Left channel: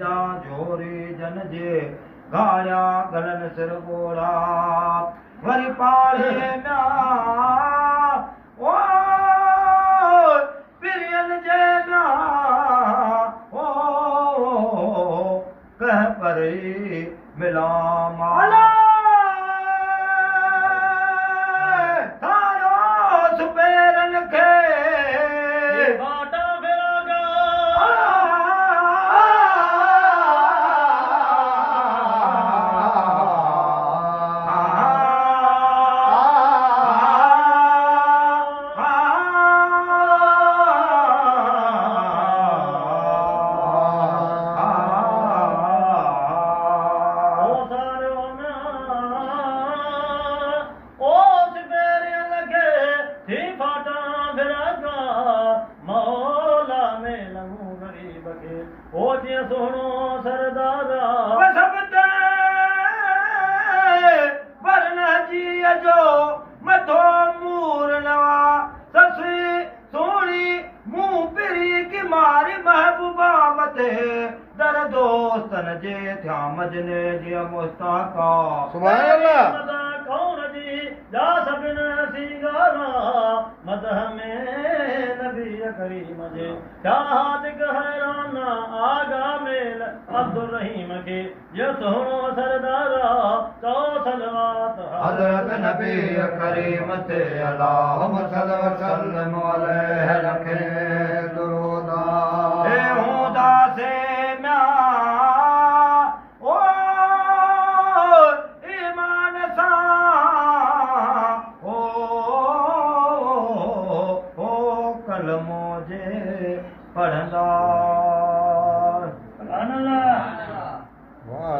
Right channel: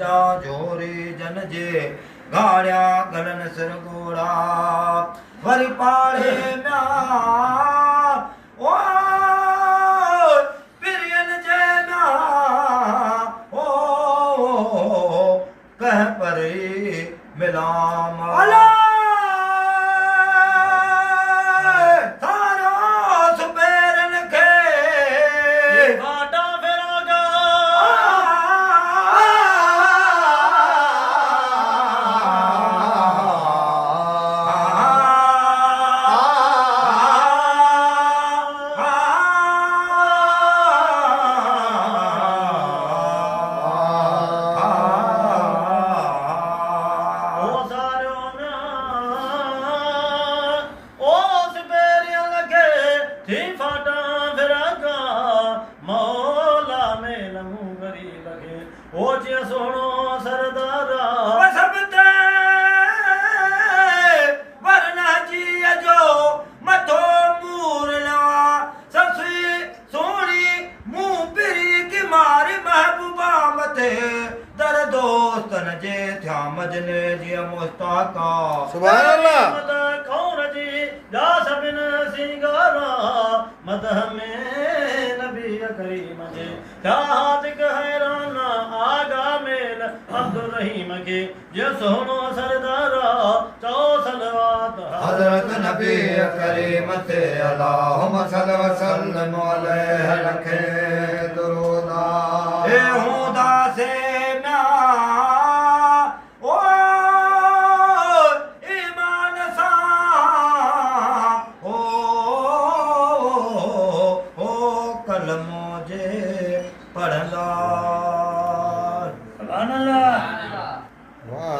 जोरी जन जे गाड़िया गलन सिर गोड़ा वरी पाड़े म्या ओ पिरियन जे म्या ओ कह परी मिला माला थारो सुपेरन के घाटा फिरागा ओ जिया सोनो सरदारा सब ते वरना जी जो मथो मूर नवा ससुई सोनी मुंह पिरी की मारी महबूबा मथे दर दोस्तन जे थया मजने जी मुस्ताका सुभान अल्लाह मद कौन जी जा सबिन सिंगारा मदह में नबी करीम जे चाहत हैरान आगा मेल अब्दुल रहीम के जो सोनो सरदारा चौ सलवात हजरत नबी करीम ते अल्लाहुम्मा सल्लि व सल्लिम अलैहि लखे दुरूदा ए हुदा से म्या ओ ईमान सा ओ कलमो जे पढ़ंदा सुभान अल्लाह वाह